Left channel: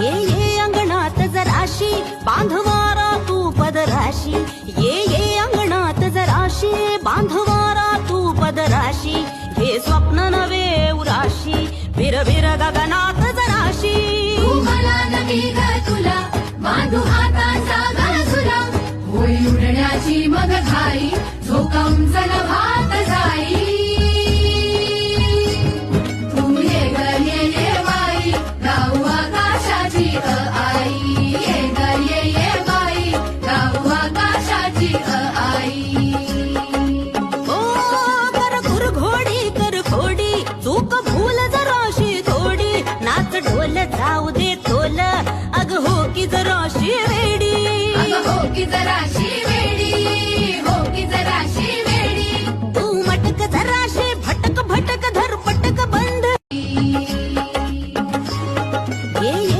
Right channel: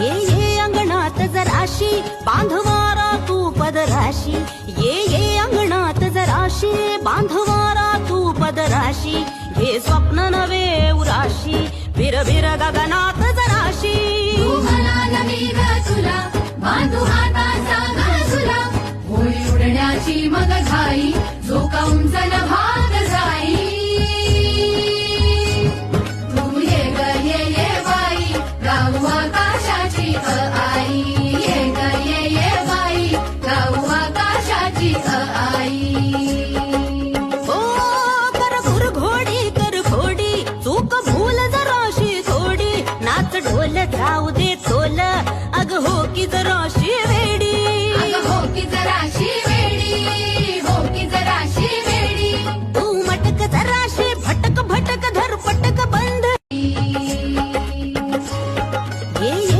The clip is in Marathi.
ये अंगणात जराशी बांधवारा तू पदराशी ये अंगणात जराशी बांधवारा तू पदराशी घे स्वप्न नवे उराशी विर विर गगनात जराशी बांधू हाताचा घनसुरा होईल उडण्याची मग घाई झोकावून चल भात जाई तू ये बाई गाऊ आकाशाची आई ये बाई गाऊ आकाशाची आई ओ कर खुर घोडी कर खोडी चूक भूल जराशी थोडी नाच ढोल जाऊ दे तोल अग हो की जराशी वेडी हो की जराशी वेडी हो की जराशी वेडी तू मटक जराशी भटक भटक धर पटक बंद ये